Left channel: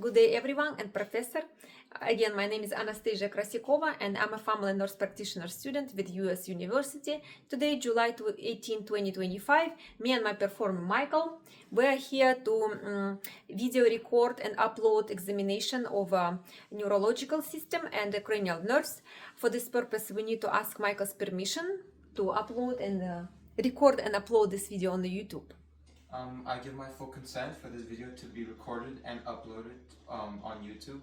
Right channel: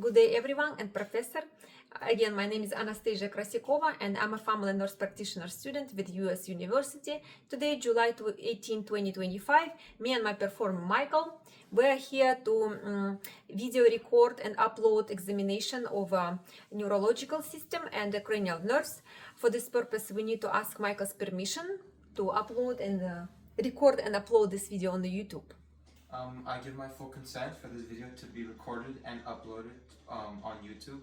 Good day, everyone, and Professor. Again, my name is Anastasia Krasikova, and I'm a family nurse practitioner student with US University. Today, July 18, 2025, me and my performer Michael, we're here to video record and upload examination of a neurological system and a cranial nerves. For this purpose, we need to ask Michael's permission to upload and record and upload this video on the YouTube. I give my full consent for this video to be recorded and uploaded on YouTube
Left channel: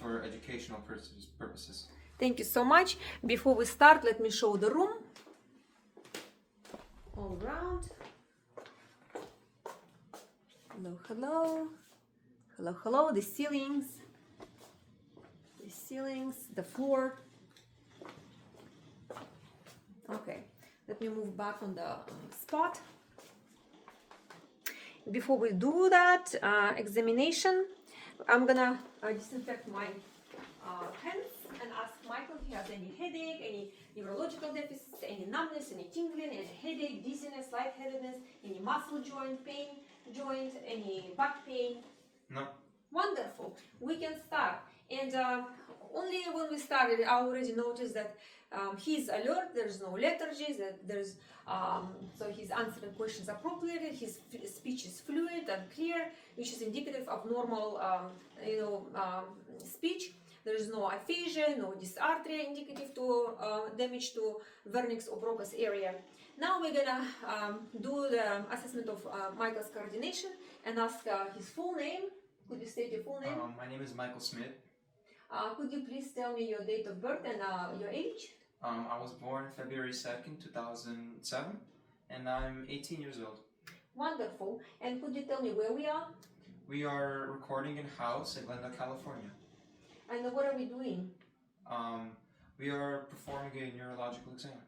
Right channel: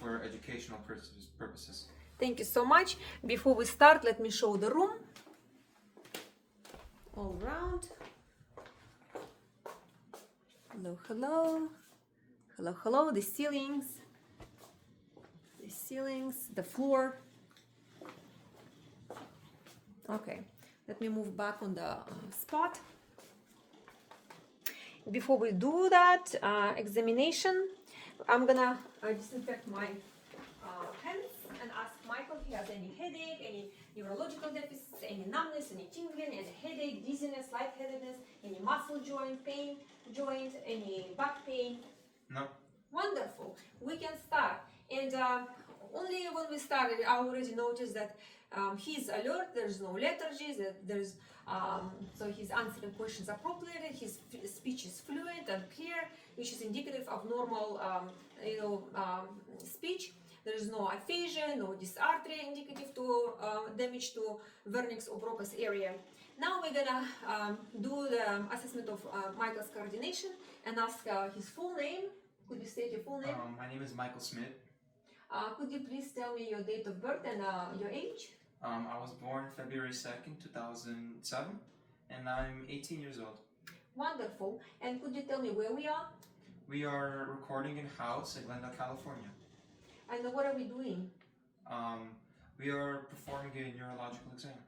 for educational purposes. Thank you so much. Before we start, let me show the room. All around. Hello, hello. Hello, hello. The ceilings. The floor. Okay, let me move back on the spot. Before we do that examination, I'm gonna disinfect my hands and ask Michael if he has any headache, any neurological deficits, any numbness, any tingling, any headache, dizziness, lightheadedness, any muscle joint pain, any back pain. No. Wonderful. We can start. And only when we started, I already noticed that he's alert, there's no lethargy, so he's answering questions appropriately, his speech is fluent and clear, which is indicative of normal speech. There is no aphasia, no dysarthria indicative to damage to vernix or Broca's area. Now we're gonna do the assessment of Michael's coordination and ask his full name. Could you state your full name? My name is Michael Smith. Could you please tell me your date of birth and your age? I was born February 2nd, 2007, and I'm 18 years old. Wonderful. And could you tell me where we are? We are recording in-house in Glendale, California. And what are we doing? We are performing a neurological exam.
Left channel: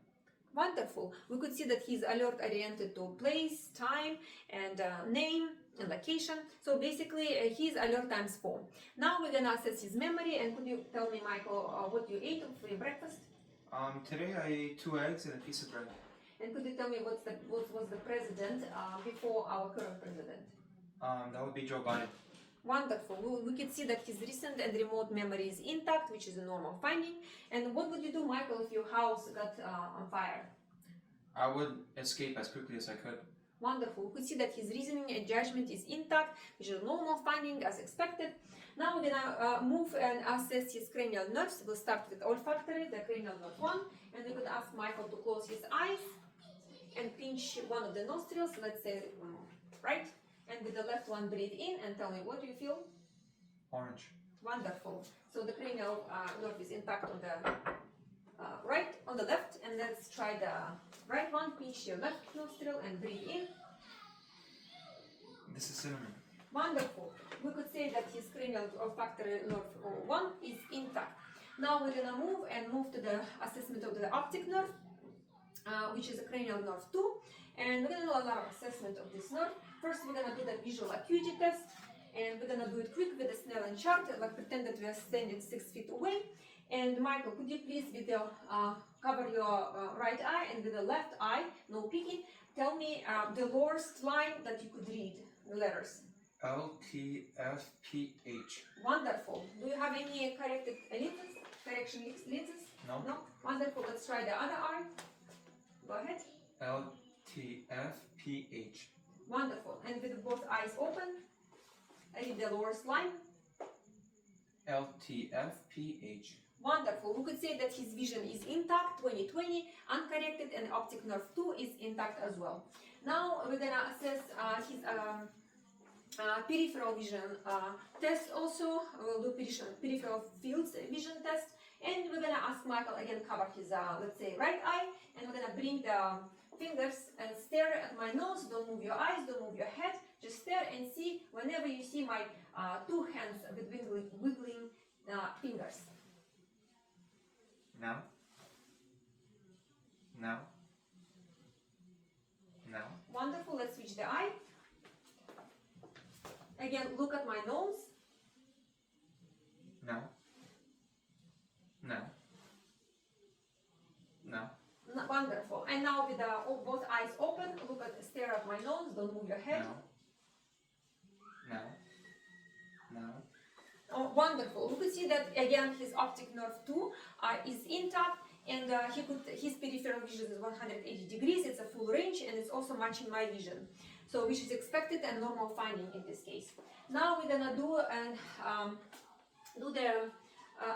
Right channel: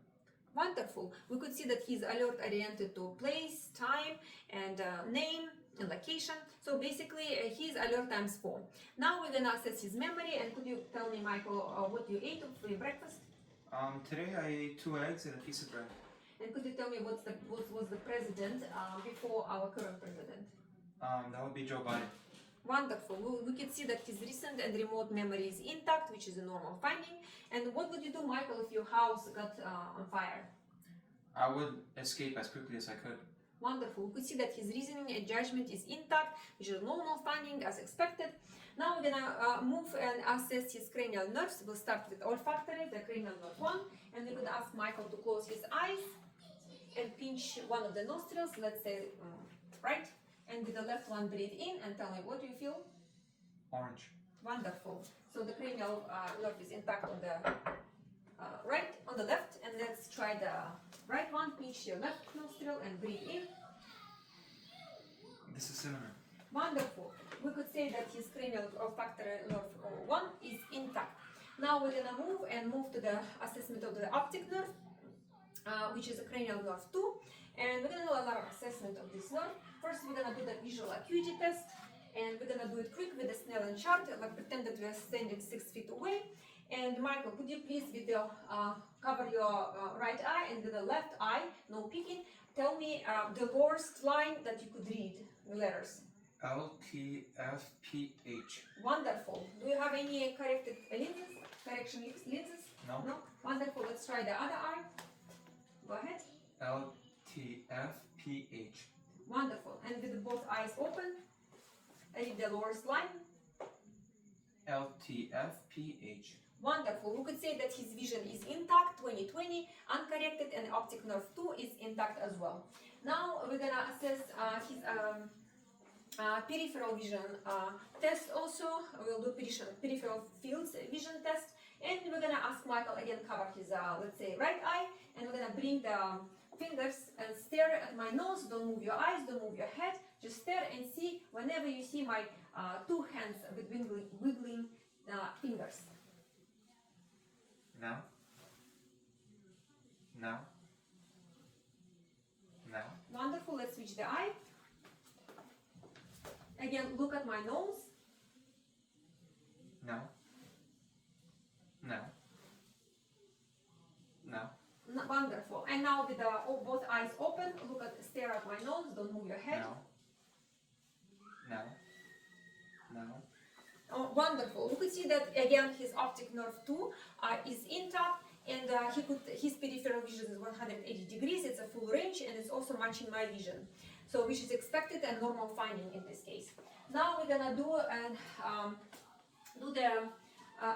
Wonderful. We could see that he's alert oriented to place, time, and name and location. So basically, he's alert times 4. Now we're gonna assess his memory. And could you tell me, Michael, what you ate for your breakfast? Today I ate 2 eggs and a piece of bread. And could you tell me what was the president before our current president? That would be Joe Biden. Wonderful. We can see that his recent and remote memory is intact, which is a normal finding. And what would you do, Michael, if your house got on fire? I would escape as quickly as I could. Wonderful. We could see that his reasoning and judgment is intact, which is a normal finding as expected. Now we're gonna move and assess his cranial nerves. We'll start with olfactory, the cranial nerve 1, and we're gonna ask Michael to close his eyes and pinch one of the nostrils, let's say right, and with the left one breathe in and tell me what do you feel? Orange. Wonderful. So the cranial nerve is intact on the right, on the left, and let's try the right one. Pinch your left nostril and breathe in. This is cinnamon. Wonderful. We could say that his cranial olfactory nerve 1 is intact. Now we're gonna move to the assessment of the optic nerve, which is a cranial nerve 2, and we're gonna do a lot of assessment of this nerve. First, we're gonna do the visual acuity test, and we're gonna do it quick with the Snellen chart, like pretend that we're standing 6 feet away. And Michael, could you please cover your right eye, and with the left eye, no peeking, tell me the lowest line that you could read, the letters. LTFPH. Wonderful. Do you have any corrected lenses? Correction lenses? No. No? Wonderful. Let's try the other eye. Go ahead. LTFPH. Wonderful. And with both eyes open, read the lowest line. LTFPH. Wonderful. We could say that his vision is intact, 20/20, uncorrected, and optic nerve 2 is intact as well. Now we're gonna assess his peripheral vision test also. We'll do peripheral fields vision test, and we're gonna ask Michael again cover his let's say right eye, and we're gonna bring the fingers and stare at my nose. Don't move your eyes, don't move your head, just stare and see whenever you see my 2 hands with wiggling fingers. Now. Now. Now. Wonderful. Let's switch the eye. Again, look at my nose. Now. Now. Now. Wonderful. And now with both eyes open, stare at my nose. Don't move your head. Now. Now. Now. wonderful. We could see that again his optic nerve 2 is intact, and his peripheral vision is 180 degrees. It's a full range, and it's also matching my vision. So which is expected and normal finding in this case. Now we're gonna do the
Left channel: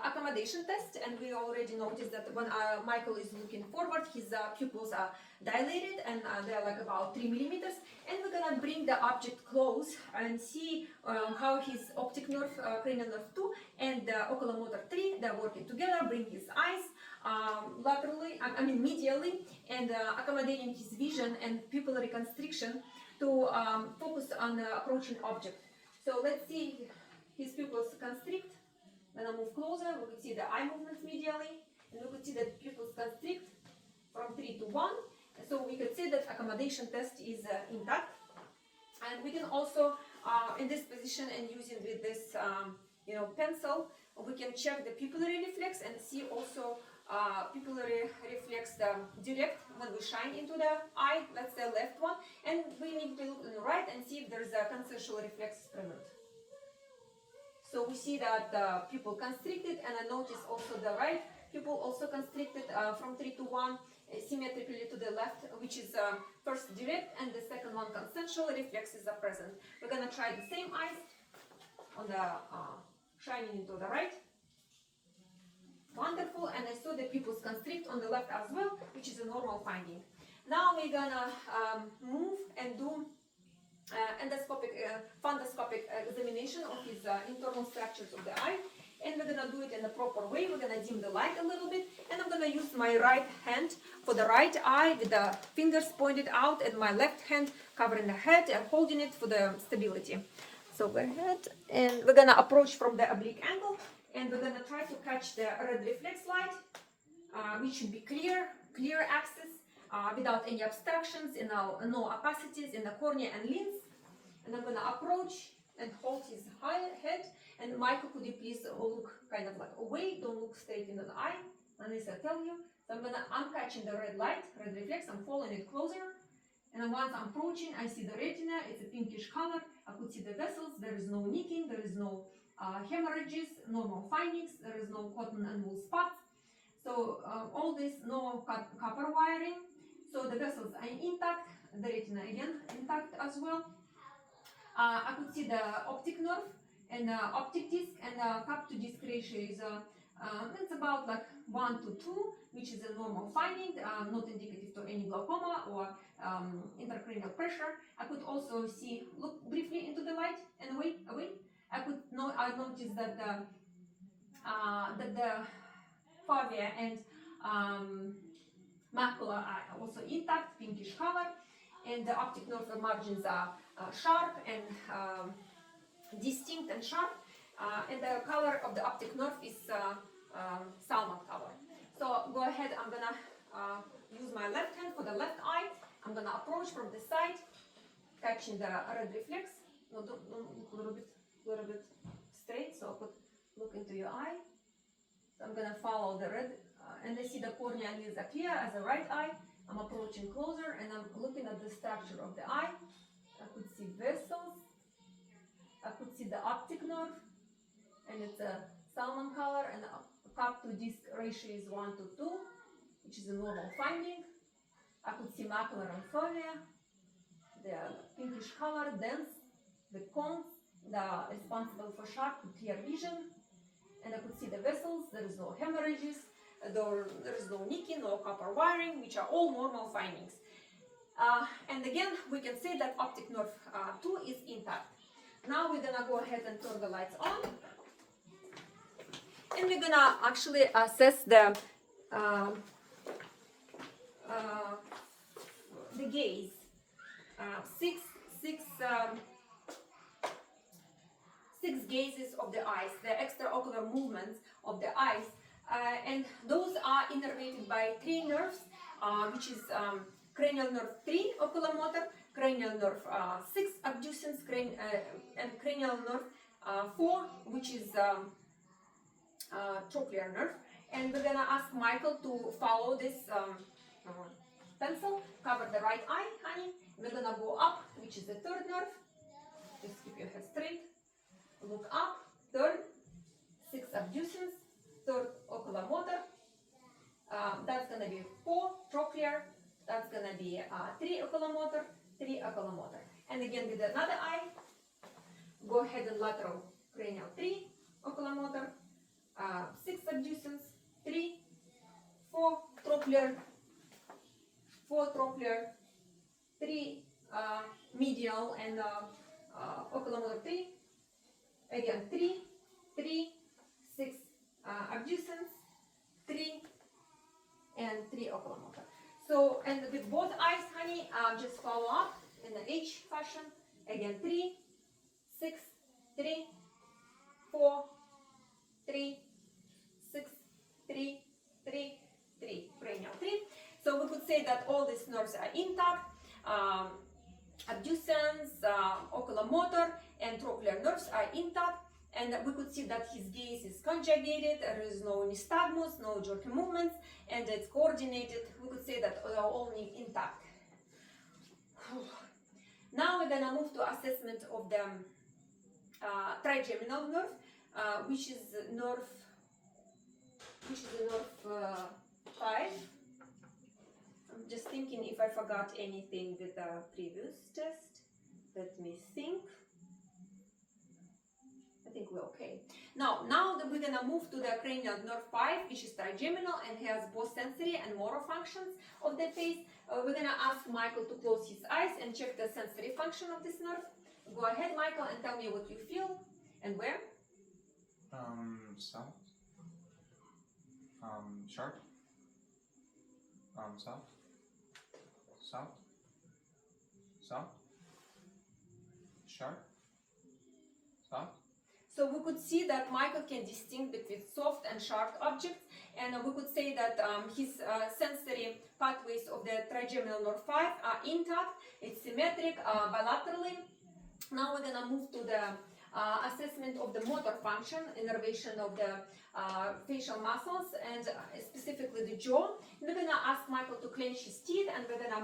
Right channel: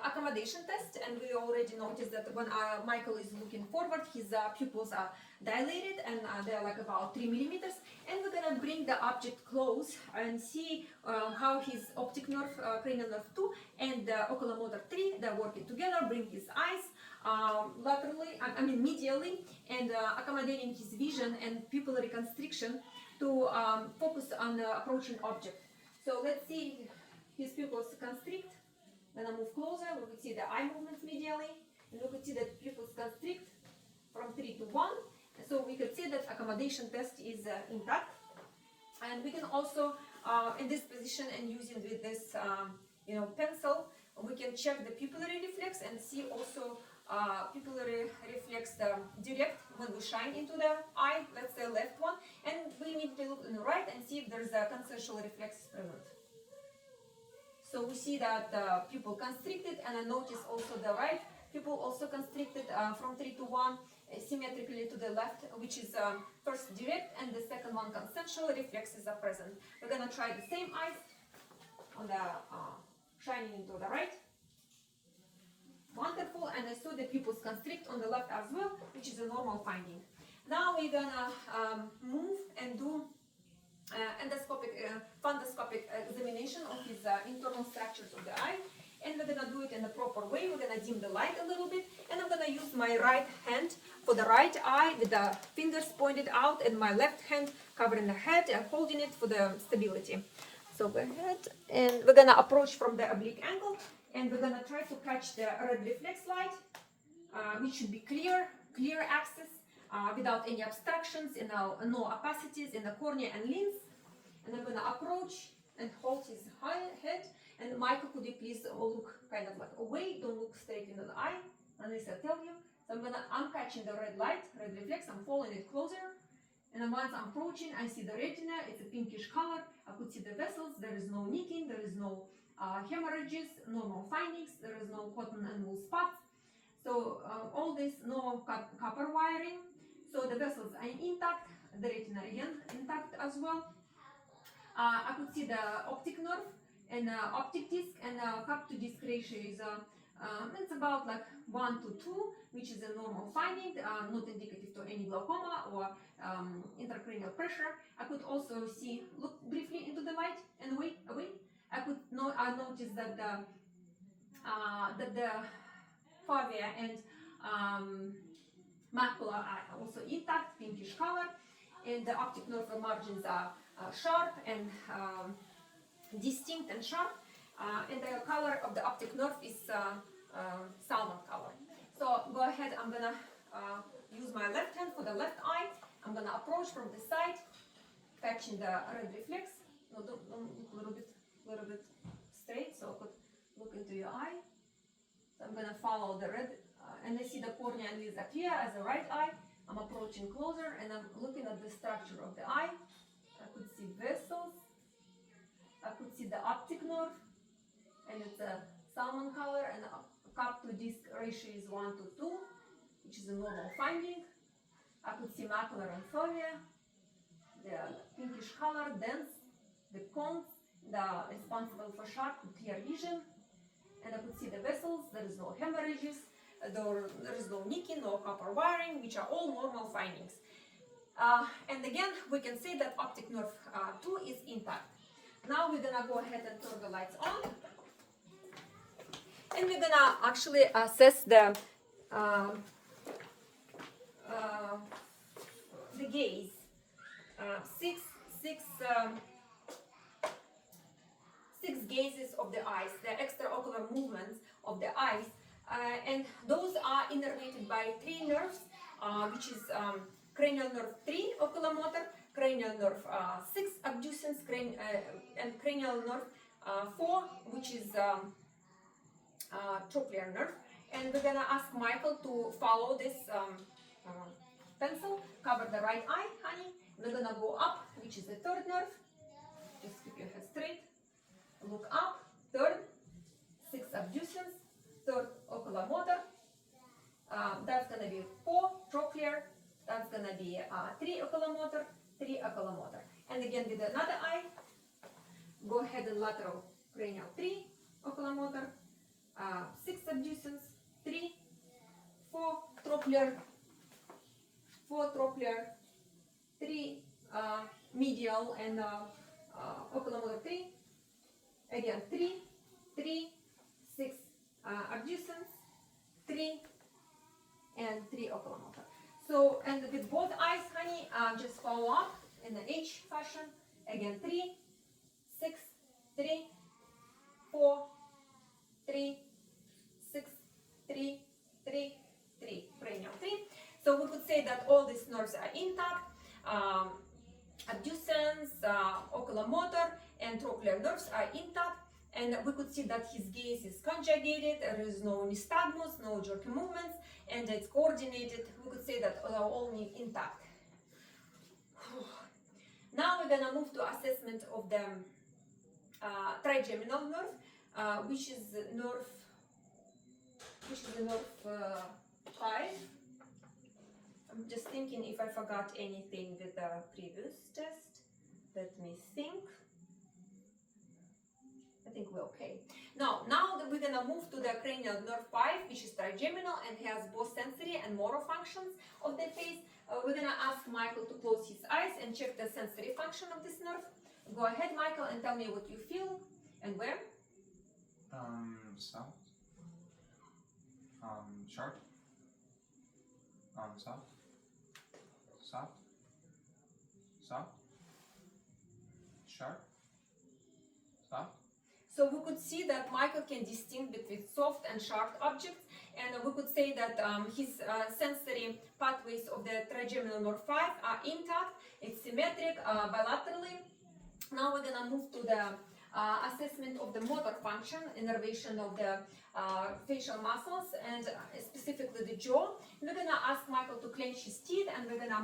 accommodation test, and we already noticed that when Michael is looking forward, his pupils are dilated, and they're like about 3 millimeters. And we're gonna bring the object close and see how his optic nerve, cranial nerve 2, and the oculomotor 3, they're working together. Bring his eyes laterally, medially, and accommodating his vision and pupillary constriction to focus on the approaching object. So let's see his pupils constrict. Then I move closer. We could see the eye movements medially, and we could see the pupils constrict from 3 to 1. So we could say that accommodation test is intact. And we can also, in this position and using with this, pencil, we can check the pupillary reflex and see also pupillary reflex direct when we shine into the eye, let's say left one, and we need to look on the right and see if there is a consensual reflex present. So we see that the pupil constricted, and I notice also the right pupil also constricted from 3 to 1, symmetrically to the left, which is first direct, and the second one consensual reflexes are present. We're gonna try the same eyes on the shining into the right. Wonderful, and I saw the pupils constrict on the left as well, which is a normal finding. Now we're gonna move and do fundoscopic examination of his internal structures of the eye, and we're gonna do it in a proper way. We're gonna dim the light a little bit, and I'm gonna use my right hand for the right eye with the fingers pointed out, and my left hand covering the head and holding it for the stability. So go ahead, and we're gonna approach from the oblique angle, and we're gonna try to catch the red reflex light, which should be clear access, without any obstructions, and no opacities in the cornea and lens. And I'm gonna approach and hold his head. And Michael, could you please look kind of like away? Don't look straight in the eye, unless I tell you. So I'm catching the red light, red reflex. I'm following it closer. And then once I'm approaching, I see the retina. It's a pinkish color. I could see the vessels. There is no nicking. There is no hemorrhages, normal findings. There is no cotton and wool spots. So all this, no copper wiring. So the vessels are intact. The retina again intact as well. I could see the optic nerve and optic disc, and cup to disc ratio is it's about like 1 to 2, which is a normal finding, not indicative to any glaucoma or intracranial pressure. I could also see, look briefly into the light and away. I noticed that the fovea and macula are also intact, pinkish color, and the optic nerve margins are sharp and distinct and sharp, and the color of the optic nerve is salmon color. So go ahead, I'm gonna use my left hand for the left eye. I'm gonna approach from the side, catching the red reflex. No, don't look a little bit straight, so I could look into your eye. So I'm gonna follow the red, and I see the cornea and lens appear as the right eye. I'm approaching closer, and I'm looking at the structure of the eye. I could see vessels. I could see the optic nerve, and it's a salmon color, and the cup to disc ratio is 1 to 2, which is a normal finding. I could see macular and fovea, the pinkish color, dense, the cones, responsible for sharp and clear vision, and I could see the vessels. There is no hemorrhages, there is no nicking, no copper wiring, which are all normal findings. And again, we can say that optic nerve 2 is intact. Now we're gonna go ahead and turn the lights on, and we're gonna actually assess the gaze. Six gazes of the eyes, the extraocular movements of the eyes, and those are innervated by 3 nerves, which is cranial nerve 3 oculomotor, cranial nerve 6 abducens, and cranial nerve 4, which is trochlear nerve. And we're gonna ask Michael to follow this pencil, cover the right eye, honey. We're gonna go up, which is the 3rd nerve. Just keep your head straight. Look up, 3rd, be 3 oculomotor, 3 oculomotor. And again with another eye, go ahead and lateral cranial 3 oculomotor, 6 abducens, 3, 4 trochlear, 3 medial and oculomotor 3, again 3, 3, 6 abducens, 3, and 3 oculomotor. So, and with both eyes, honey, just follow up in the H fashion. Again, 3, 6, 3, 4, 3, 6, 3, 3, 3, cranial 3. So we could say that all these nerves are intact. Abducens, oculomotor, and trochlear nerves are intact. And we could see that his gaze is conjugated, there is no nystagmus, no jerky movements, and it's coordinated. We could say that they are all intact. Now we're gonna move to assessment of the trigeminal nerve, which is the nerve 5. I'm just thinking if I forgot anything with the previous test. Let me think. I think we're okay. Now that we're gonna move to the cranial nerve 5, which is trigeminal and has both sensory and motor functions of the face. We're gonna ask Michael to close his eyes and check the sensory function of this nerve. Go ahead, Michael, and tell me what you feel and where. South. Sharp. South. South. South. Sharp. South. So we could see that Michael can distinguish between soft and sharp objects, and we could say that his sensory pathways of the trigeminal nerve 5 are intact, it's symmetric bilaterally. Now we're gonna move to the assessment of the motor function, innervation of the facial muscles, and specifically the jaw. We're gonna ask Michael to clench his teeth, and we're gonna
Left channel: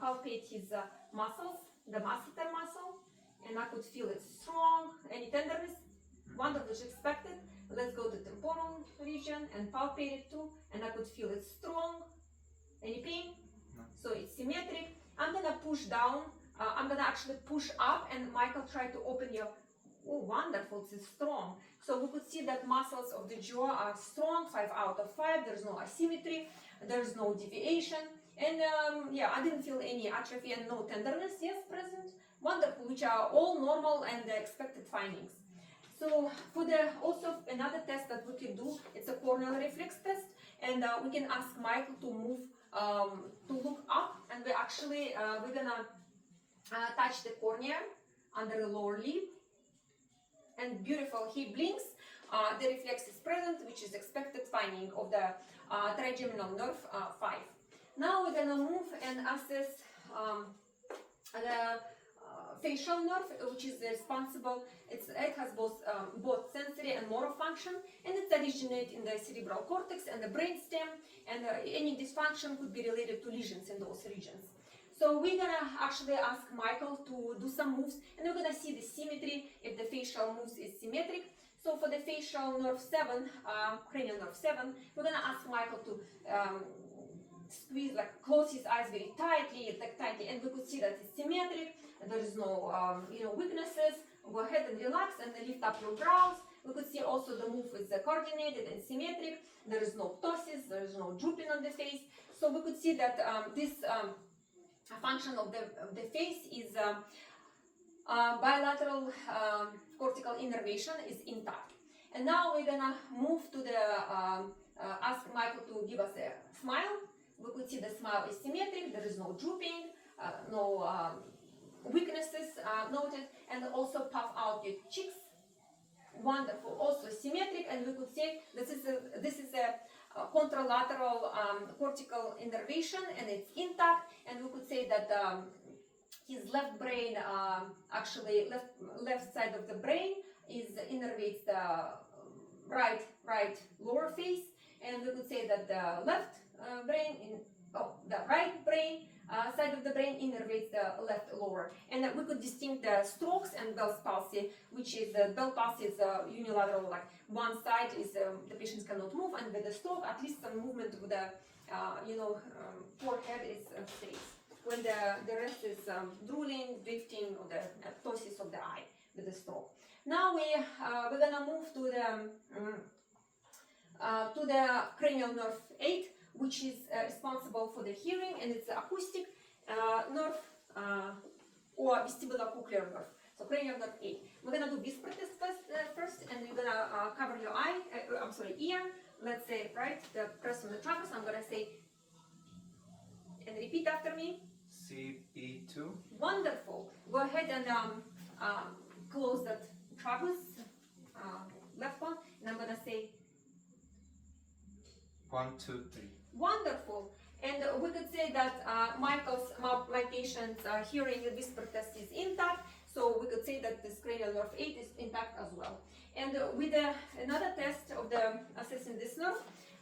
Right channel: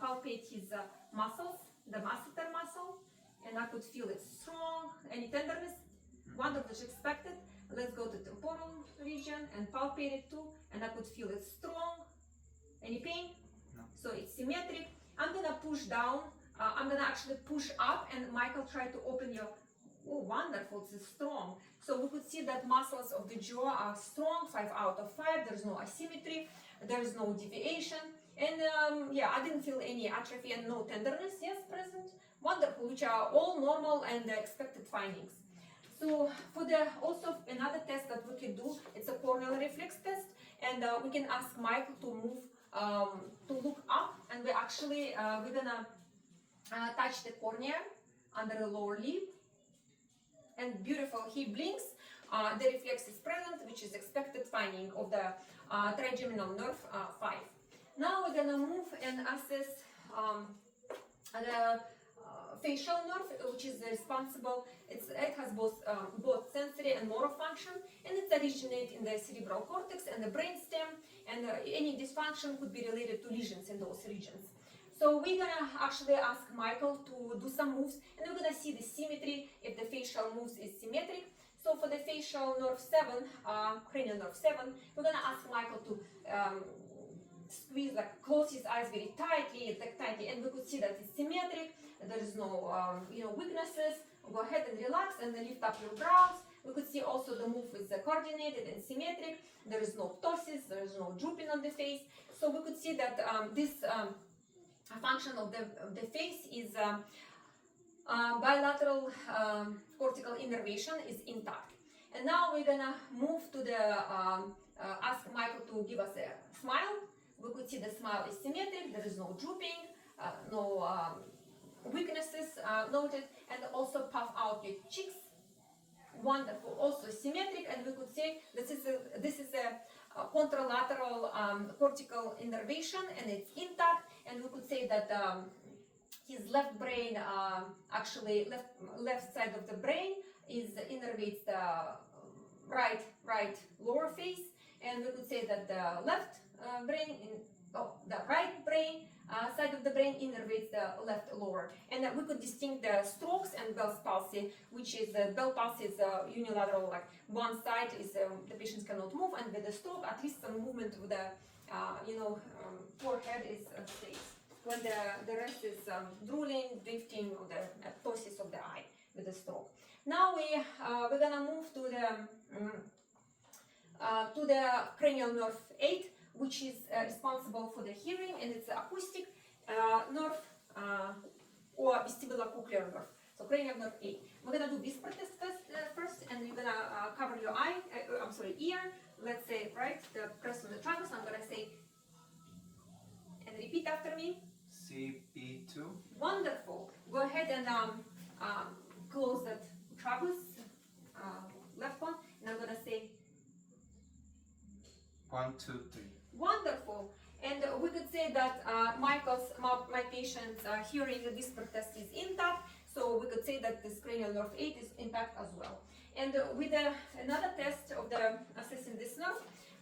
palpate his muscles, the masseter muscle, and I could feel it strong. Any tenderness? Wonderful, as expected. Let's go to temporal region and palpate it too, and I could feel it strong. Any pain? No. So it's symmetric. I'm gonna push down. I'm gonna actually push up, and Michael try to open your. Oh, wonderful! It's strong. So we could see that muscles of the jaw are strong. 5 out of 5. There's no asymmetry. There's no deviation. And yeah, I didn't feel any atrophy and no tenderness. Yes, present. Wonderful, which are all normal and the expected findings. So for the also another test that we can do, it's a corneal reflex test, and we can ask Michael to move to look up, and we actually we're gonna touch the cornea under the lower lid, and beautiful, he blinks. The reflex is present, which is expected finding of the trigeminal nerve 5. Now we're gonna move and assess the facial nerve, which is responsible. It has both sensory and motor function, and it originates in the cerebral cortex and the brainstem, and any dysfunction could be related to lesions in those regions. So we're gonna actually ask Michael to do some moves, and we're gonna see the symmetry if the facial moves is symmetric. So for the facial nerve 7, cranial nerve 7, we're gonna ask Michael to squeeze, like close his eyes very tightly, and we could see that it's symmetric. There is no weaknesses. Go ahead and relax and then lift up your brows. We could see also the move is coordinated and symmetric. There is no ptosis, there is no drooping on the face. So we could see that this function of the face is bilateral cortical innervation is intact. And now we're gonna move to the ask Michael to give us a smile. We could see the smile is symmetric. There is no drooping, no weaknesses noted, and also puff out your cheeks. Wonderful, also symmetric, and we could say this is a contralateral cortical innervation, and it's intact. And we could say that his left brain, actually left side of the brain, is innervates the right lower face, and we could say that the left brain the right brain side of the brain innervates the left lower. And we could distinguish the strokes and Bell's palsy, which is Bell's palsy is unilateral, like one side is the patients cannot move, and with the stroke, at least some movement of the forehead is stays. when the rest is drooling, drifting, or the ptosis of the eye with the stroke. Now we're gonna move to the cranial nerve 8, which is responsible for the hearing, and it's the acoustic nerve or vestibulocochlear nerve. So cranial nerve 8. We're gonna do whisper test first, and you're gonna cover your ear. Let's say, right, press on the tragus. I'm gonna say, and repeat after me. CB2. Wonderful. Go ahead and close that tragus, left one, and I'm gonna say 1, 2, 3. wonderful. And we could say that my patient's hearing and whisper test is intact. So we could say that this cranial nerve 8 is intact as well. And with another test of the assessing this nerve,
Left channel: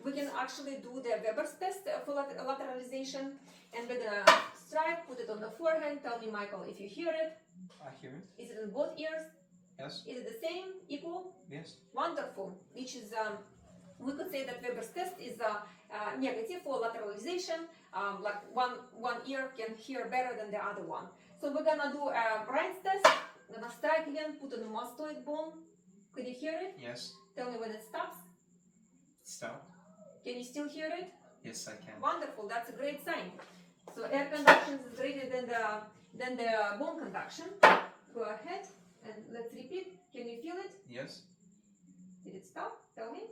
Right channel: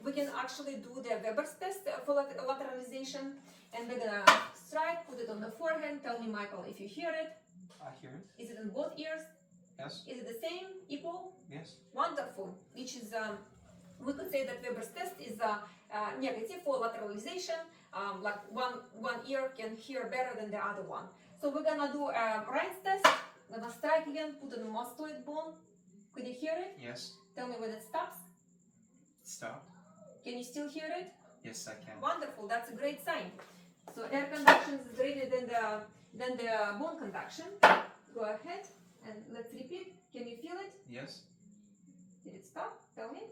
we can actually do the Weber's test for lateralization. And we're gonna strike, put it on the forehead. Tell me, Michael, if you hear it. I hear it. Is it in both ears? Yes. Is it the same, equal? Yes. Wonderful. Which is, we could say that Weber's test is negative for lateralization. Like one ear can hear better than the other one. So we're gonna do a Rein's test. I'm gonna strike again, put on the mastoid bone. Could you hear it? Yes. Tell me when it stops. Stop. Can you still hear it? Yes, I can. Wonderful. That's a great sign. So air conduction is greater than the bone conduction. Go ahead and let's repeat. Can you feel it? Yes. Did it stop? Tell me.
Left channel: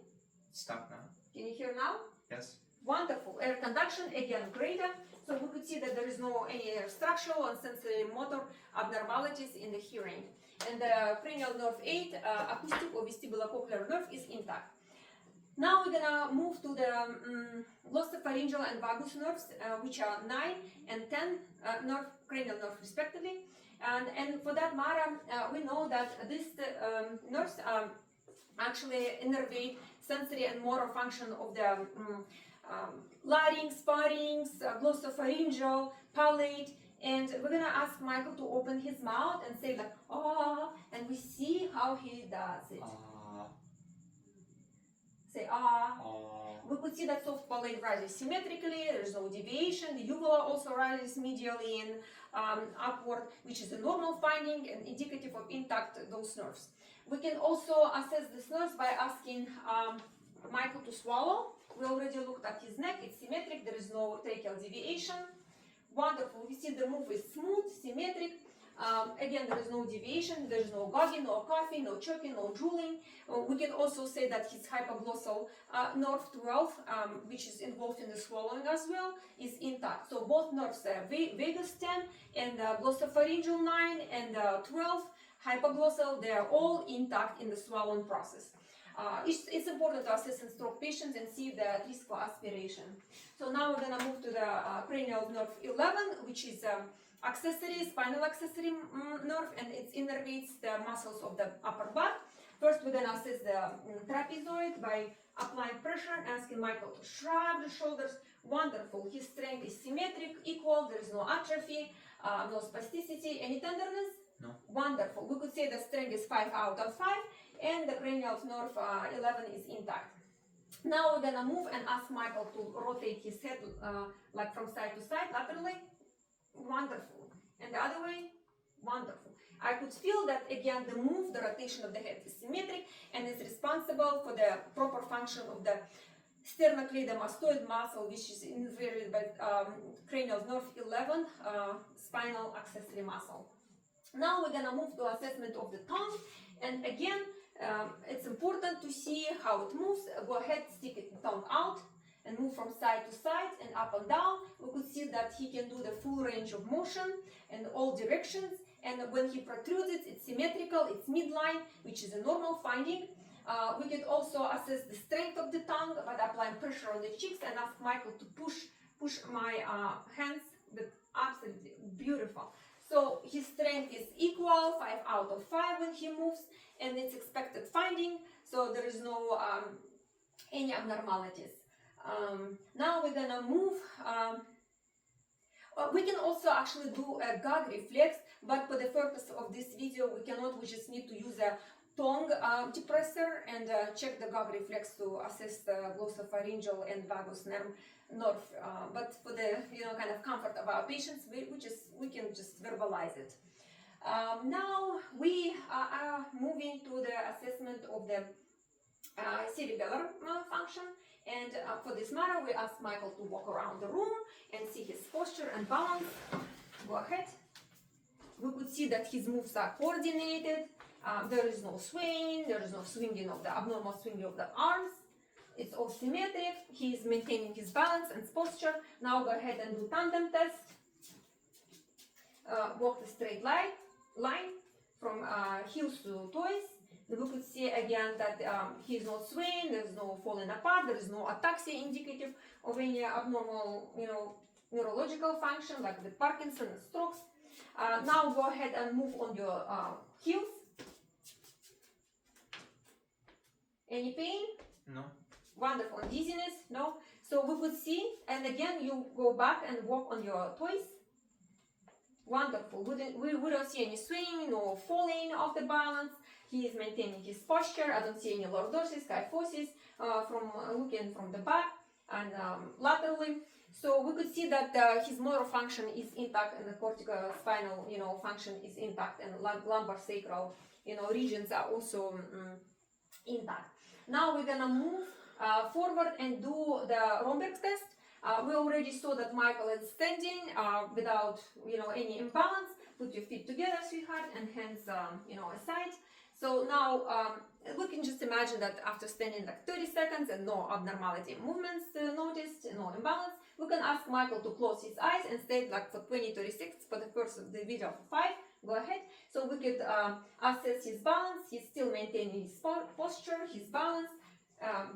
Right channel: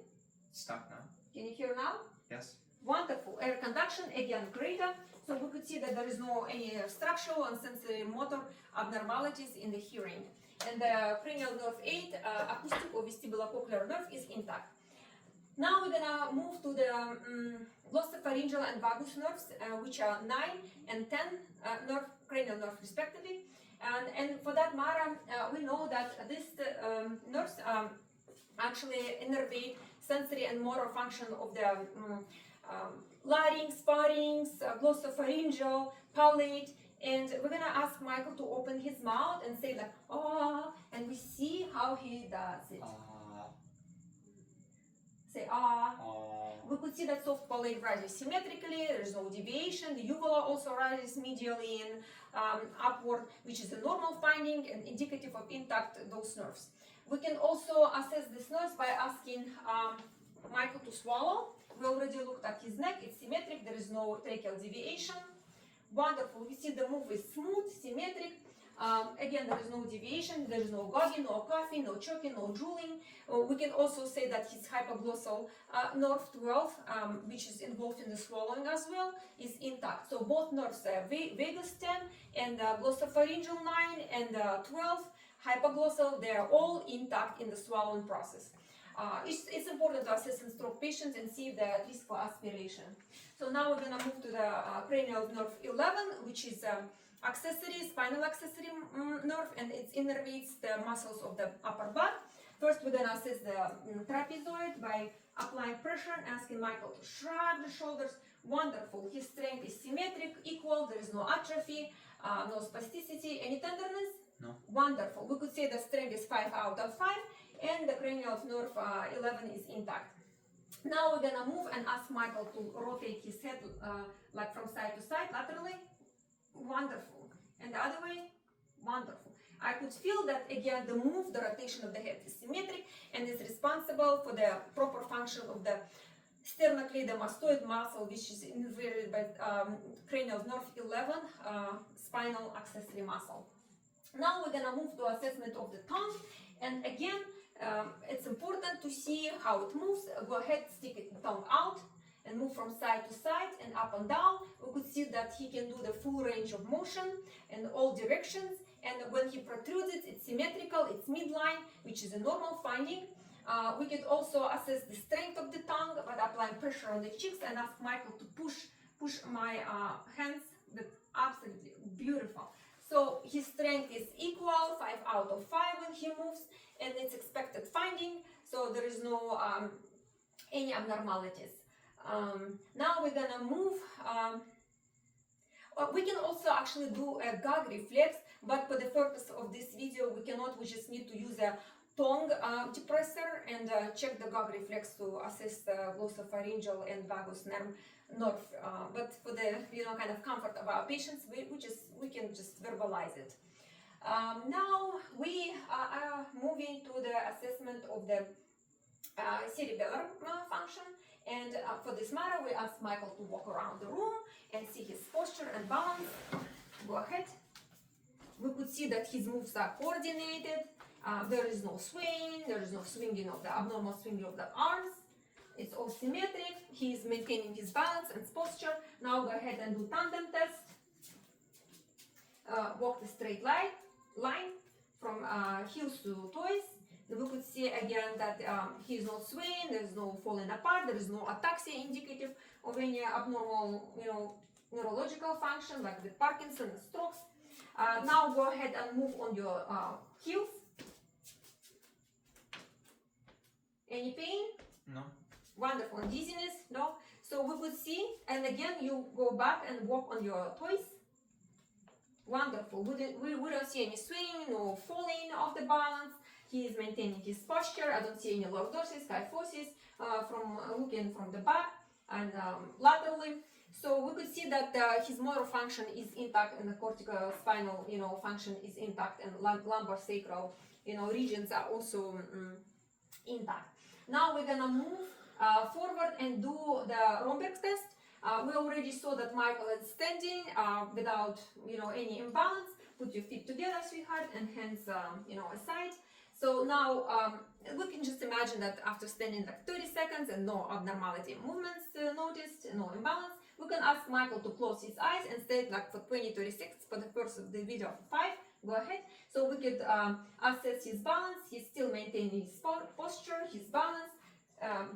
Stop now. Can you hear now? Yes. Wonderful. Air conduction again greater. So we could see that there is no any structural and sensory motor abnormalities in the hearing. And the cranial nerve 8, acoustic or vestibulocochlear nerve is intact. Now we're gonna move to the glossopharyngeal and vagus nerves, which are 9 and 10 cranial nerve respectively. And for that matter, we know that these nerves actually innervate sensory and motor function of the larynx, pharynx, glossopharyngeal, palate, and we're gonna ask Michael to open his mouth and say like, oh, and we see how he does it. Say ah. We could see that soft palate rises symmetrically, there is no deviation. The uvula also rises medially and upward, which is a normal finding and indicative of intact those nerves. We can also assess this nerve by asking Michael to swallow. We already looked at his neck, it's symmetric, there is no tracheal deviation. Wonderful, we see the move is smooth, symmetric. Again, there is no deviation, there is no gogging, no coughing, no choking, no drooling. We can also say that his hypoglossal nerve 12, which is involved in the swallowing as well, is intact. So both nerves, vagus 10 and glossopharyngeal 9 and 12, hypoglossal, they are all intact in the swallowing process. It's important to assess in stroke patients and see the risk for aspiration. So now we're going to move to the cranial nerve 11, which is spinal accessory nerve, and it innervates the muscles of the upper back. First, we're going to assess the trapezoid by applying pressure and asking Michael to shrug the shoulders. Wonderful. His strength is symmetric, equal. There is no atrophy, no spasticity. Any tenderness? No. Wonderful. We could say the strength is 5 out of 5, and the cranial nerve 11 is intact. Now we're going to move and ask Michael to rotate his head like from side to side, laterally. Wonderful. And the other way? Wonderful. I could feel that again the rotation of the head is symmetric and is responsible for the proper function of the sternocleidomastoid muscle, which is innervated by cranial nerve 11, spinal accessory muscle. Now we're going to move to assessment of the tongue, and again it's important to see how it moves. Go ahead, stick the tongue out and move from side to side and up and down. We could see that he can do the full range of motion in all directions, and when he protrudes it, it's symmetrical, it's midline, which is a normal finding. We could also assess the strength of the tongue by applying pressure on the cheeks and ask Michael to push my hands, but absolutely beautiful. So his strength is equal, 5 out of 5 when he moves, and it's expected finding, so there is no any abnormalities. Now we're gonna move. We can also actually do a gag reflex, but for the purpose of this video, we cannot. We just need to use a tongue depressor and check the gog reflex to assess the glossopharyngeal and vagus nerve. But for the kind of comfort of our patients, we can just verbalize it. Now we are moving to the assessment of the cerebellar function, and for this matter we ask Michael to walk around the room and see his posture and balance. Go ahead. We could see that his moves are coordinated. There is no swaying, there is no swinging of the abnormal swinging of the arms. It's all symmetric. He is maintaining his balance and posture. Now go ahead and do tandem test. Walk the straight line from heels to toes. We could see again that he is not swaying, there is no falling apart, there is no ataxia indicative of any abnormal, neurological function like the Parkinson and strokes. Now go ahead and move on your heels. Any pain? No. Wonderful. And dizziness? No. So we could see, and again you go back and walk on your toes. Wonderful. We don't see any swinging or falling off the balance. He is maintaining his posture. I don't see any lordosis, kyphosis from looking from the back and laterally. So we could see that his motor function is intact and the corticospinal, function is intact, and lumbar sacral, regions are also intact. Now we're gonna move forward and do the Romberg test. We already saw that Michael is standing without, any imbalance. Put your feet together, sweetheart, and hands, aside. So now we can just imagine that after standing like 30 seconds and no abnormality movements noticed, no imbalance, we can ask Michael to close his eyes and stay like for 20-30 seconds for the first of the video of 5. Go ahead. So we could assess his balance. He's still maintaining his posture, his balance.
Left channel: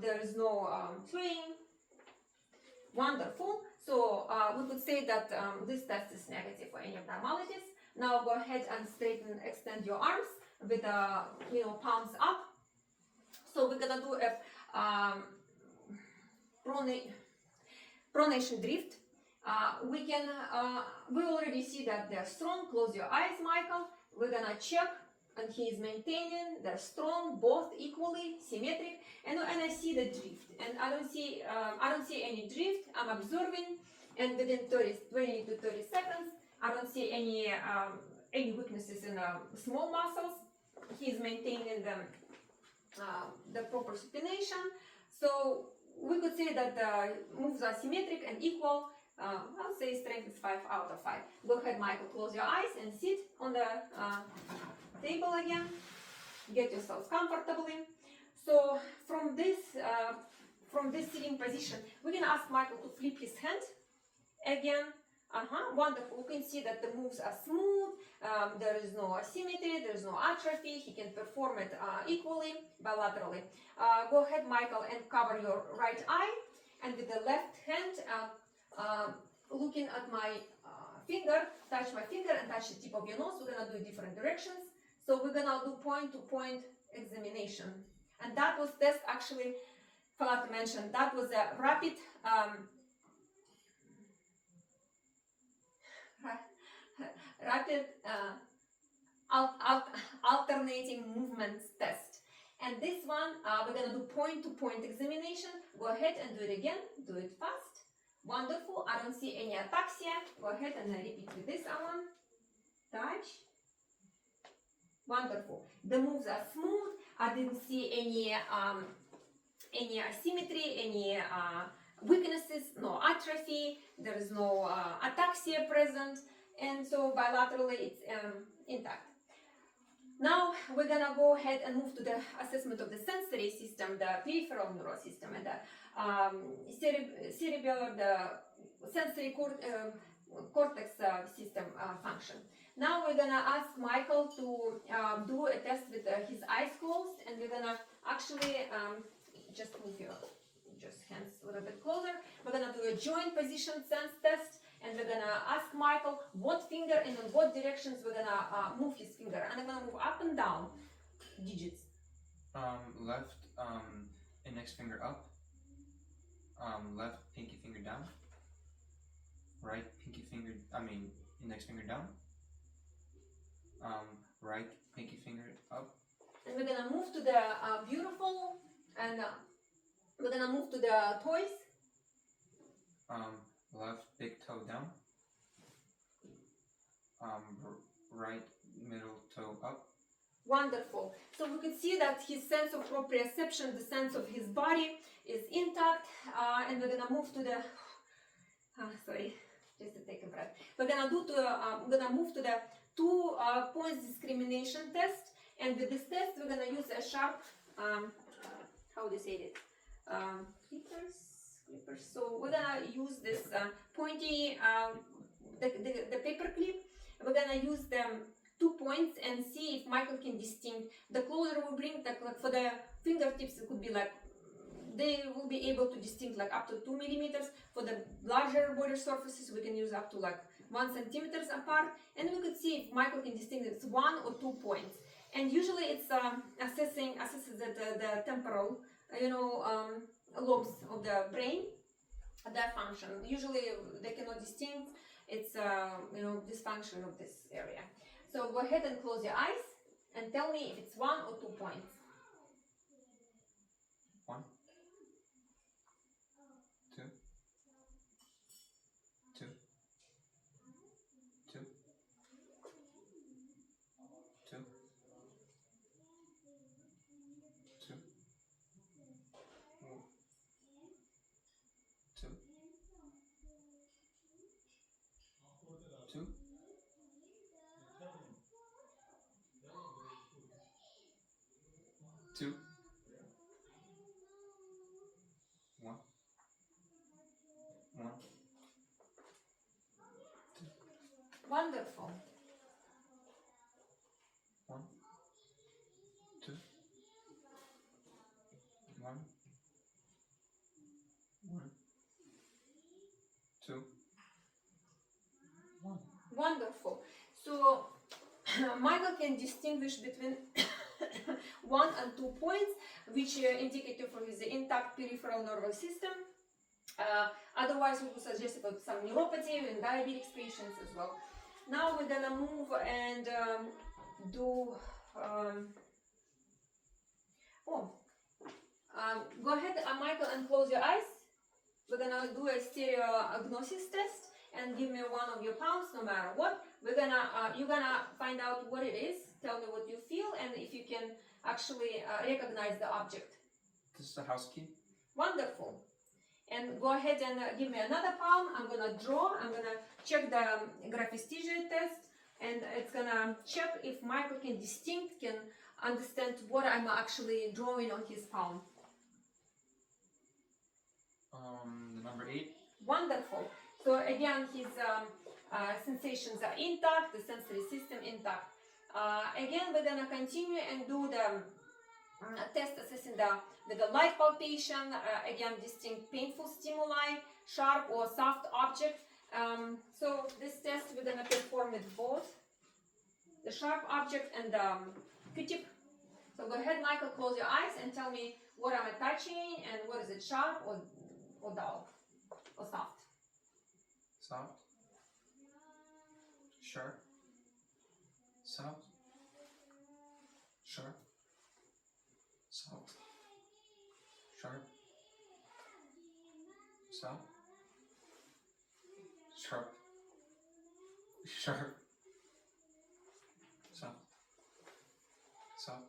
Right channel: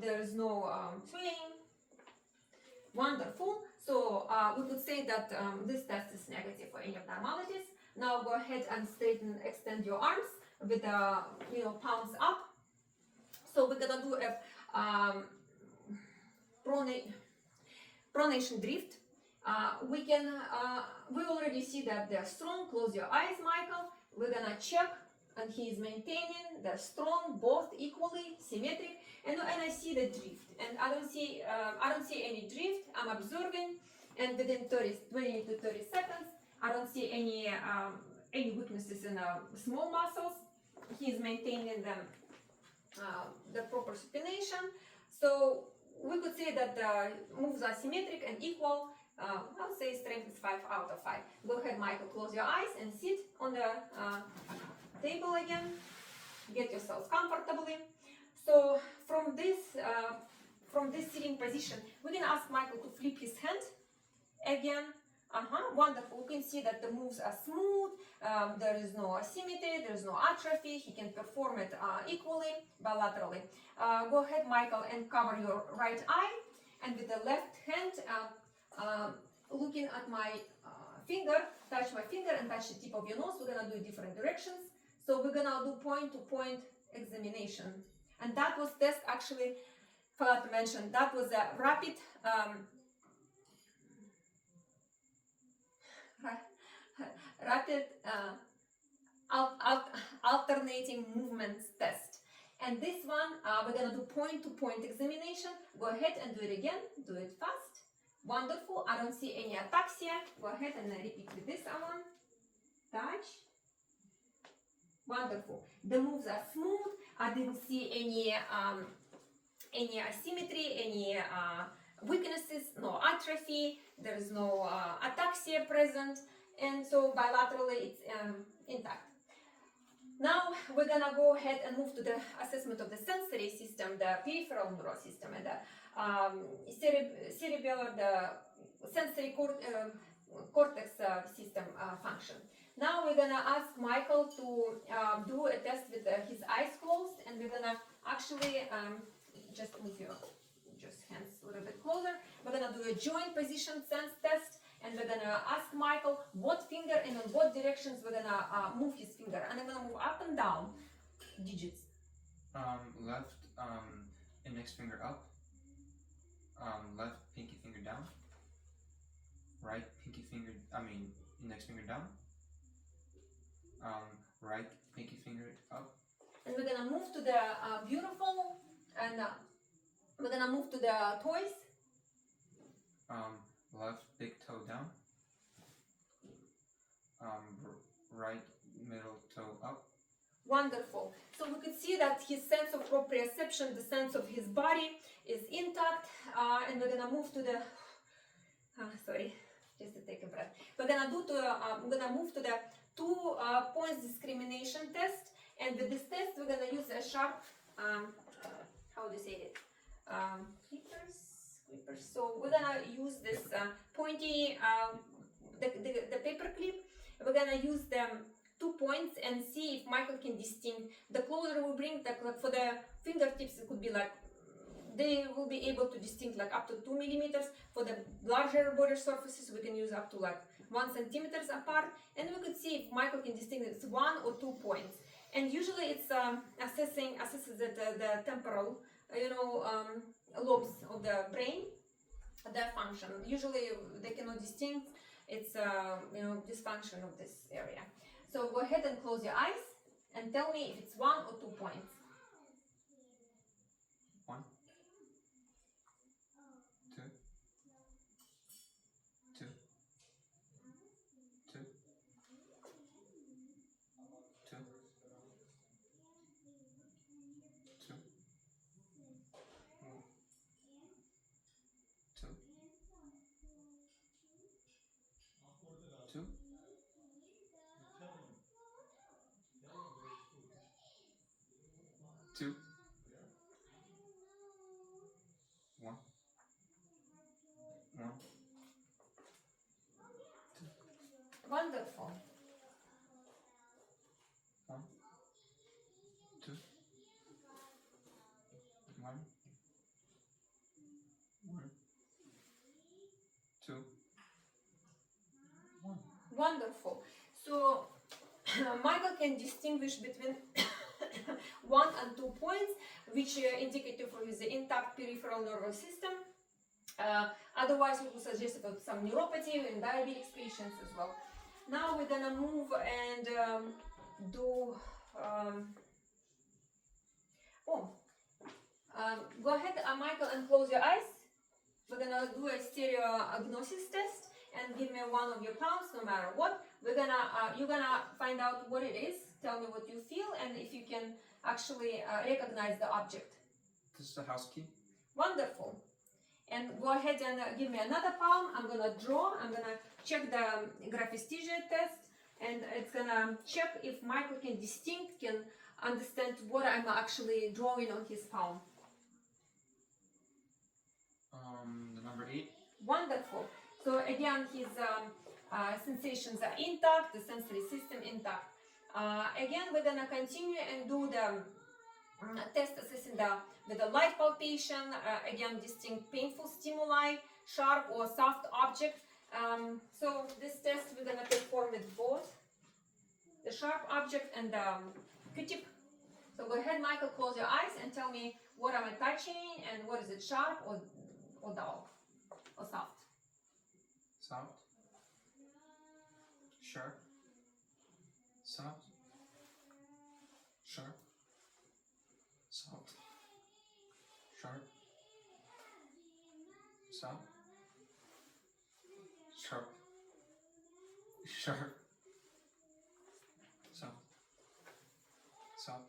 There is no swaying. Wonderful. So we could say that this test is negative for any abnormalities. Now go ahead and extend your arms with palms up. So we're gonna do a pronation drift. We already see that they're strong. Close your eyes, Michael. We're gonna check, and he is maintaining. They're strong, both equally symmetric. And I see the drift, and I don't see any drift. I'm observing, and within 20 to 30 seconds, I don't see any weaknesses in small muscles. He's maintaining the proper supination. So we could say that the moves are symmetric and equal. I'll say strength is 5 out of 5. Go ahead, Michael, close your eyes and sit on the table again. Get yourself comfortably. So from this sitting position, we can ask Michael to flip his hand again. Wonderful. You can see that the moves are smooth. There is no asymmetry. There is no atrophy. He can perform it equally, bilaterally. Go ahead, Michael, and cover your right eye. And with the left hand, looking at my finger, touch my finger and touch the tip of your nose. We're gonna do different directions. So we're gonna do point-to-point examination. And that was test actually, forgot to mention, that was a rapid alternating movements test. And this one, we're gonna do point-to-point examination. Go ahead and do it again. Do it fast. Wonderful. I don't see any ataxia. Go ahead and repeat with this one. Touch. Wonderful. The moves are smooth. I didn't see any asymmetry, any weaknesses, no atrophy. There is no ataxia present, and so bilaterally it's intact. Now we're gonna go ahead and move to the assessment of the sensory system, the peripheral nervous system, and the cerebellar, the sensory cortex system function. Now we're gonna ask Michael to do a test with his eyes closed, and we're gonna actually just move your hands a little bit closer. We're gonna do a joint position sense test, and we're gonna ask Michael what finger and in what directions we're gonna move his finger, and I'm gonna move up and down digits. Left index finger up. Left pinky finger down. Right index finger down. Right pinky finger up. and we're gonna move to the beautiful, and we're gonna move to the toys. Left big toe down. Right middle toe up. Wonderful. So we could see that his sense of proprioception, the sense of his body, is intact, and we're gonna move to the. Sorry, just to take a breath. We're gonna move to the 2 points discrimination test, and with this test we're gonna use a sharp. How do you say it? Clippers. So we're gonna use this pointy, the paper clip. We're gonna use them 2 points and see if Michael can distinguish. The closer we bring, like for the fingertips, it could be like they will be able to distinguish like up to 2 millimeters. For the larger border surfaces, we can use up to like 1 centimeters apart, and we could see if Michael can distinguish 1 or 2 points. And usually it's assesses the temporal, lobes of the brain, their function. Usually they cannot distinguish. It's dysfunction of this area. So go ahead and close your eyes and tell me if it's 1 or 2 points. 1, 2, 2, 2, 2, 2, 2, 2, 2, 1, 1, 2. Wonderful. 1, 2, 1, 1, 2, 1. Wonderful. So Michael can distinguish between 1 and 2 points, which indicative for his intact peripheral nervous system. Otherwise, we would suggest about some neuropathy in diabetic patients as well. Now we're gonna move and go ahead, Michael, and close your eyes. We're gonna do a stereognosis test and give me one of your palms, no matter what. You're gonna find out what it is. Tell me what you feel and if you can actually recognize the object. This is the house key. Wonderful. And go ahead and give me another palm. I'm gonna draw. I'm gonna check the graphesthesia test, and it's gonna check if Michael can understand what I'm actually drawing on his palm. The number 8. Wonderful. So again, his sensations are intact, the sensory system intact. Again, we're gonna continue and do the test assessing with the light palpation. Again, distinct painful stimuli, sharp or soft object. So this test we're gonna perform with both the sharp object and the Q-tip. So go ahead, Michael, close your eyes and tell me what am I touching and what is it, sharp or dull or soft? Soft. Sharp. Soft. Sharp. Soft. Sharp. Soft. Sharp. Sharp. Soft. Soft.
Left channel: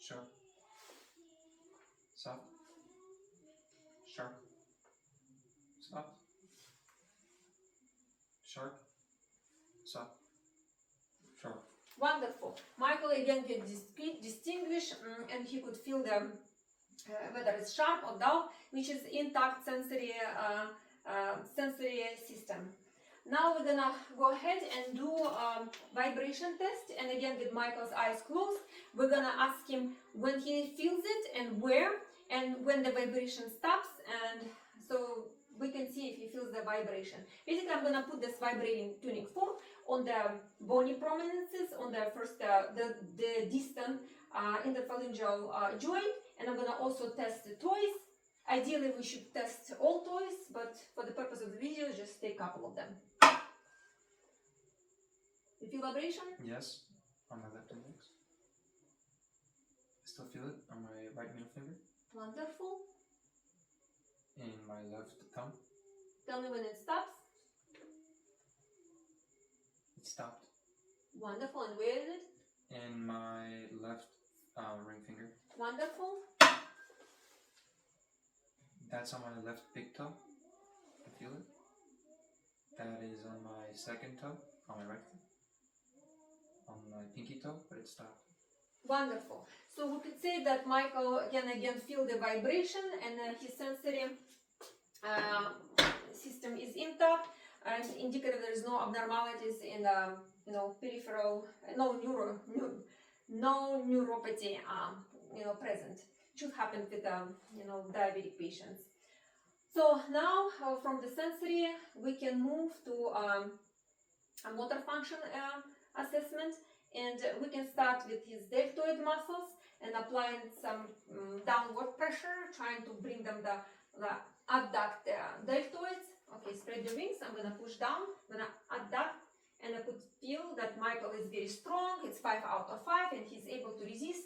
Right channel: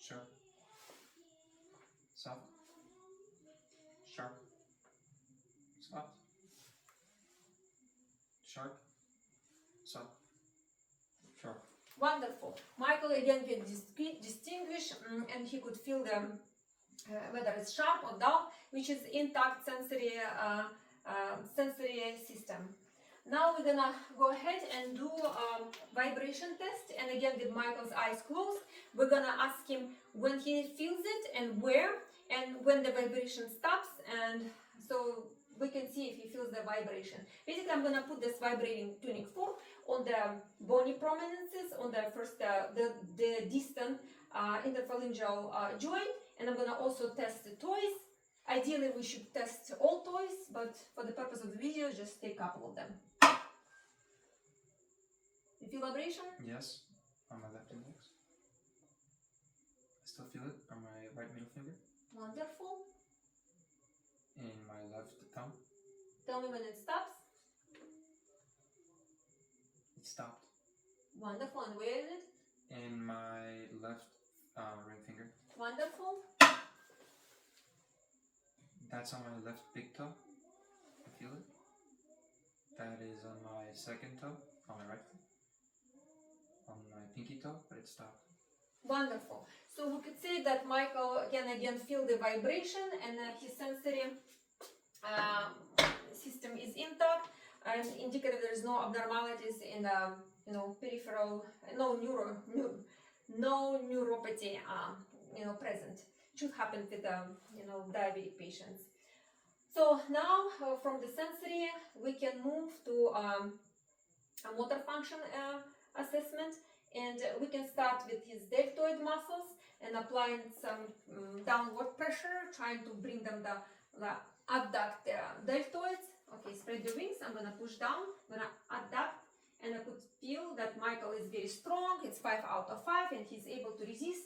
Sharp. Soft. Sharp. Soft. Sharp. Soft. Sharp. Wonderful. Michael again can distinguish and he could feel the whether it's sharp or dull, which is intact sensory system. Now we're gonna go ahead and do a vibration test, and again with Michael's eyes closed, we're gonna ask him when he feels it and where, and when the vibration stops, and so we can see if he feels the vibration. Basically, I'm gonna put this vibrating tuning fork on the bony prominences, on the first the distant interphalangeal joint, and I'm gonna also test the toys. Ideally, we should test all toys, but for the purpose of the video, just take a couple of them. You feel vibration? Yes, on my left index. still feel it on my right middle finger. Wonderful. In my left thumb. Tell me when it stops. It stopped. Wonderful. And where is it? In my left ring finger. Wonderful. That's on my left big toe. I feel it. That is on my second toe, on my right foot. On my pinky toe, but it stopped. Wonderful. So we could say that Michael can again feel the vibration, and his sensory system is intact, and indicative there is no abnormalities in the peripheral, no neuropathy present. Should happen with diabetic patients. So now from the sensory we can move to a motor function assessment, and we can start with his deltoid muscles and applying some downward pressure, trying to bring them the abduct deltoids. Okay, spread your wings. I'm gonna push down, I'm gonna abduct, and I could feel that Michael is very strong. It's 5 out of 5, and he's able to resist.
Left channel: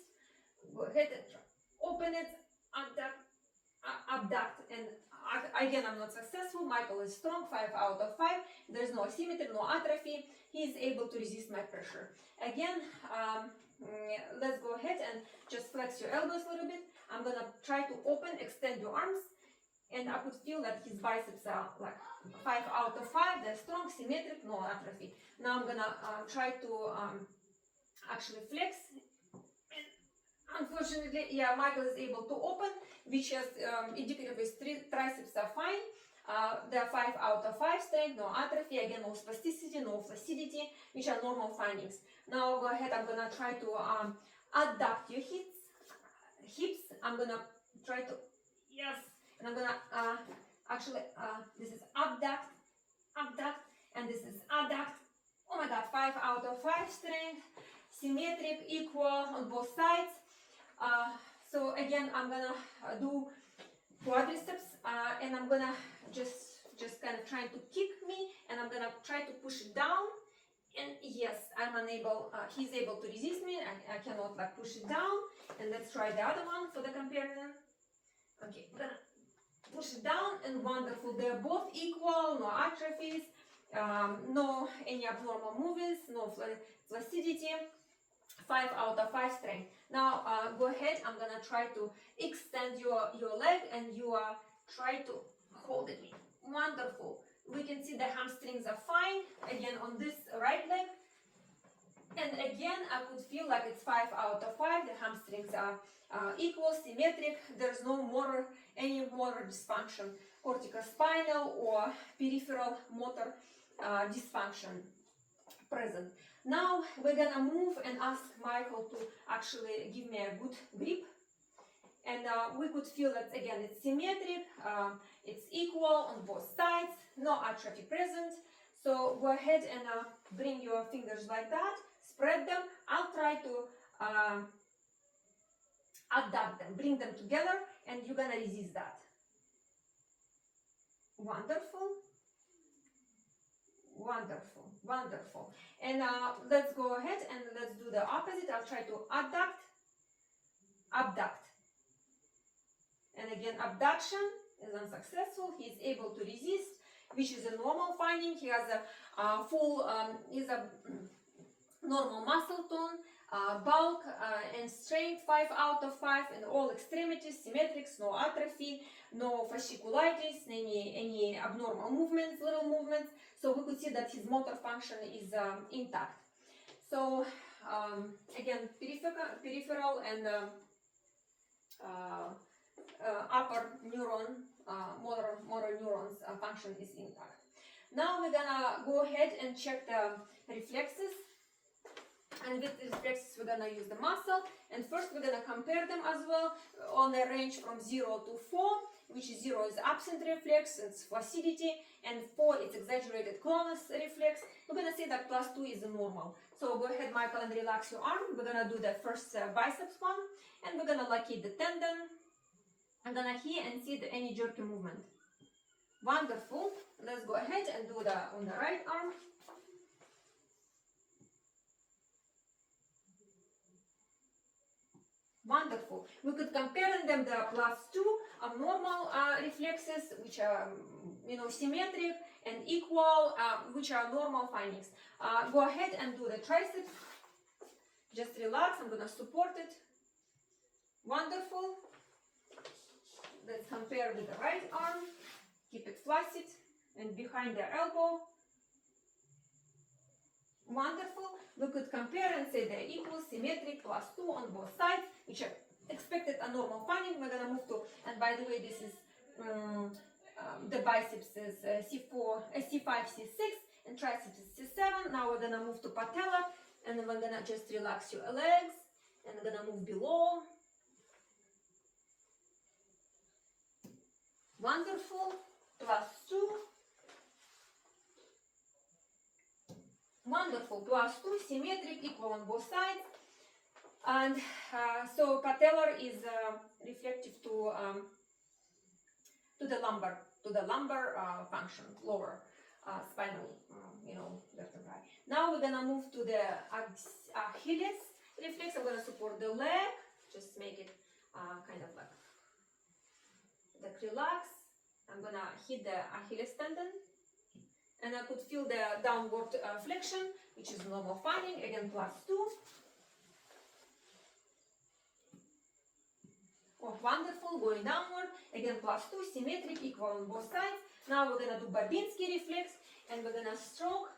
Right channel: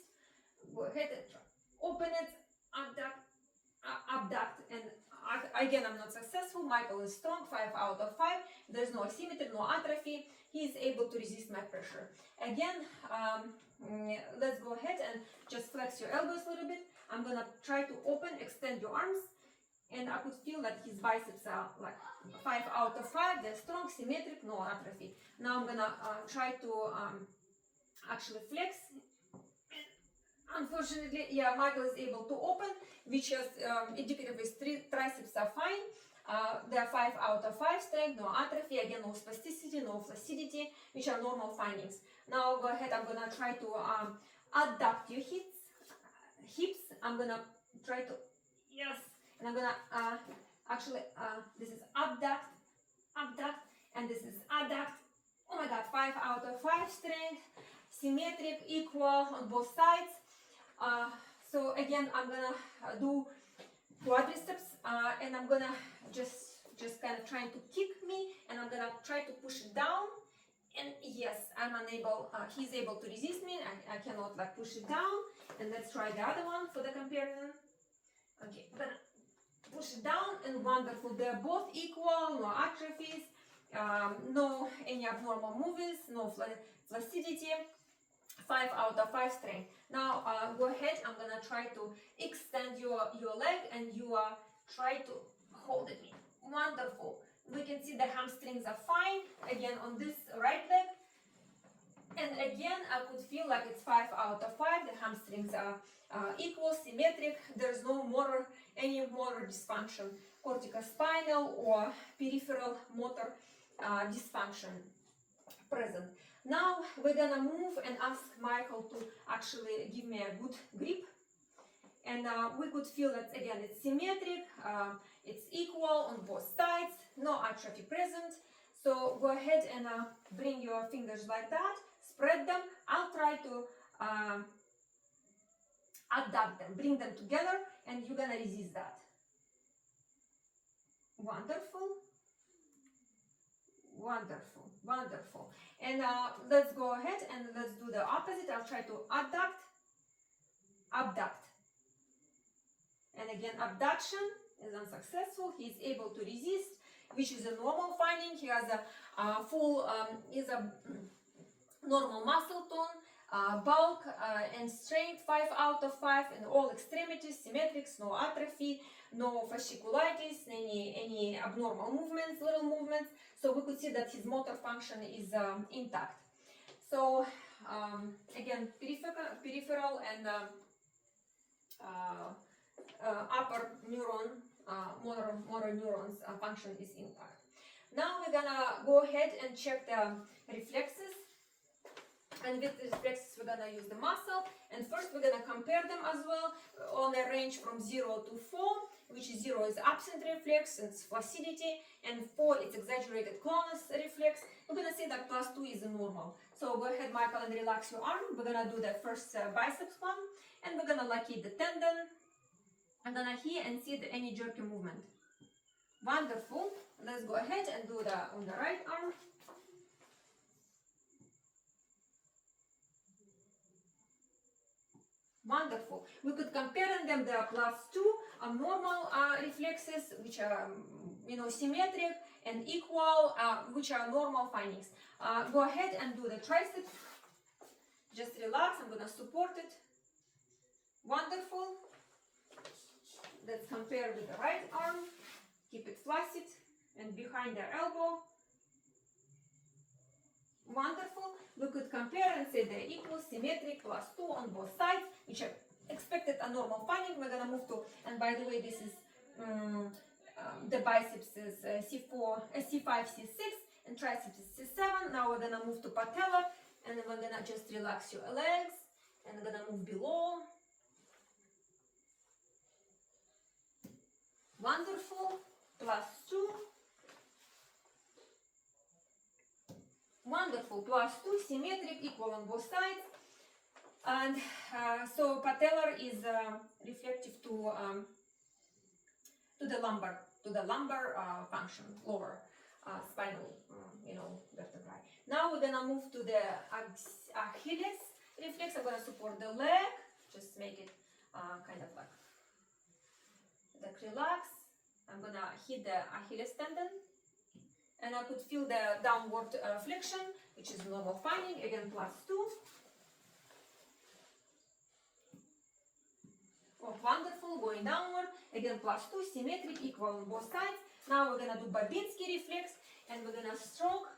Go ahead and try. Open it, abduct, and again I'm not successful. Michael is strong, 5 out of 5. There's no asymmetry, no atrophy. He's able to resist my pressure. Again, let's go ahead and just flex your elbows a little bit. I'm gonna try to open, extend your arms, and I could feel that his biceps are like 5 out of 5. They're strong, symmetric, no atrophy. Now I'm gonna try to actually flex. Unfortunately, yeah, Michael is able to open, which has indicative his triceps are fine. They're 5 out of 5 strength, no atrophy, again no spasticity, no flaccidity, which are normal findings. Now go ahead, I'm gonna try to adduct your hips. I'm gonna try to, yes, and I'm gonna this is abduct, and this is adduct. Oh my god, 5 out of 5 strength, symmetric, equal on both sides. So again, I'm gonna do quadriceps, and I'm gonna just kind of trying to kick me, and I'm gonna try to push it down. And yes, I'm unable. He's able to resist me. I cannot like push it down. And let's try the other one for the comparison. Okay, I'm gonna push it down, and wonderful. They're both equal, no atrophies, no any abnormal movements, no flaccidity. 5 out of 5 strength. Now go ahead, I'm gonna try to extend your leg, and you try to hold it. Wonderful. We can see the hamstrings are fine, again on this right leg. And again, I could feel like it's 5 out of 5. The hamstrings are equal, symmetric. There's no any motor dysfunction, corticospinal or peripheral motor dysfunction present. Now we're gonna move and ask Michael to actually give me a good grip, and we could feel that again it's symmetric, it's equal on both sides, no atrophy present. So go ahead and bring your fingers like that, spread them. I'll try to adduct them, bring them together, and you're gonna resist that. Wonderful. Wonderful, wonderful. And let's go ahead and let's do the opposite. I'll try to abduct. And again, abduction is unsuccessful. He's able to resist, which is a normal finding. He has a full, is a normal muscle tone, bulk and strength, 5 out of 5, and all extremities, symmetrics, no atrophy, no fasciculitis, any abnormal movements, little movements. So we could see that his motor function is intact. So again, peripheral and upper neuron, motor neurons function is intact. Now we're gonna go ahead and check the reflexes. And with the reflexes, we're gonna use the muscle. And first, we're gonna compare them as well on a range from 0 to 4, which is 0 is absent reflex, it's flaccidity, and 4 is exaggerated clonus reflex. We're gonna say that +2 is normal. So go ahead, Michael, and relax your arm. We're gonna do the first biceps one, and we're gonna locate the tendon. I'm gonna hear and see any jerky movement. Wonderful. Let's go ahead and do the on the right arm. Wonderful. We could compare them the +2 abnormal reflexes, which are symmetric, and equal, which are normal findings. Go ahead and do the tricep. Just relax. I'm gonna support it. Wonderful. Let's compare with the right arm. Keep it flaccid and behind the elbow. Wonderful. We could compare and say they're equal, symmetric, +2 on both sides, which are expected a normal finding. We're gonna move to, and by the way, this is the biceps is C5, C6, and triceps is C7. Now we're gonna move to patella, and then we're gonna just relax your legs, and we're gonna move below. Wonderful. +2. Wonderful. +2, symmetric, equal on both sides. And so patellar is reflective to the lumbar function, lower spinal, vertebrae. Now we're gonna move to the Achilles reflex. I'm gonna support the leg, just make it kind of like relax. I'm gonna hit the Achilles tendon, and I could feel the downward flexion, which is normal finding, again +2. Oh, wonderful, going downward, again +2, symmetric, equal on both sides. Now we're gonna do Babinski reflex, and we're gonna stroke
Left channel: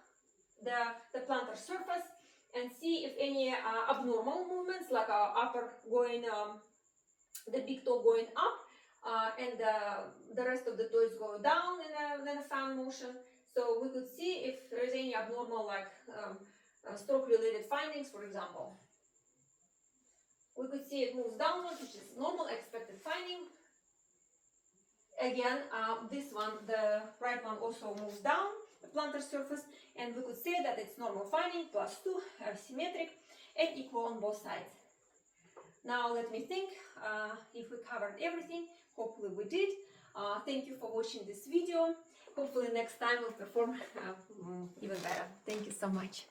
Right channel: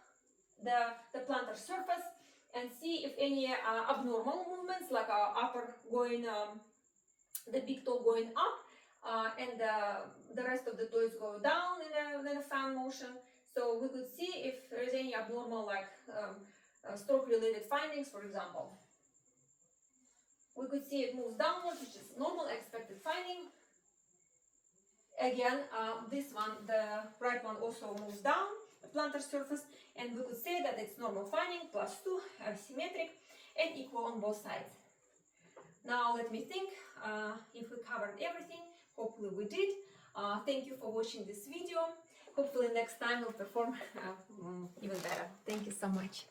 the plantar surface and see if any abnormal movements, like upper going, the big toe going up, and the rest of the toes go down in a fan motion. So we could see if there is any abnormal, like stroke-related findings, for example. We could see it moves downward, which is normal expected finding. Again, this one, the right one, also moves down the plantar surface, and we could say that it's normal finding, +2, symmetric, and equal on both sides. Now let me think if we covered everything. Hopefully we did. Thank you for watching this video. Hopefully next time we'll perform even better. Thank you so much.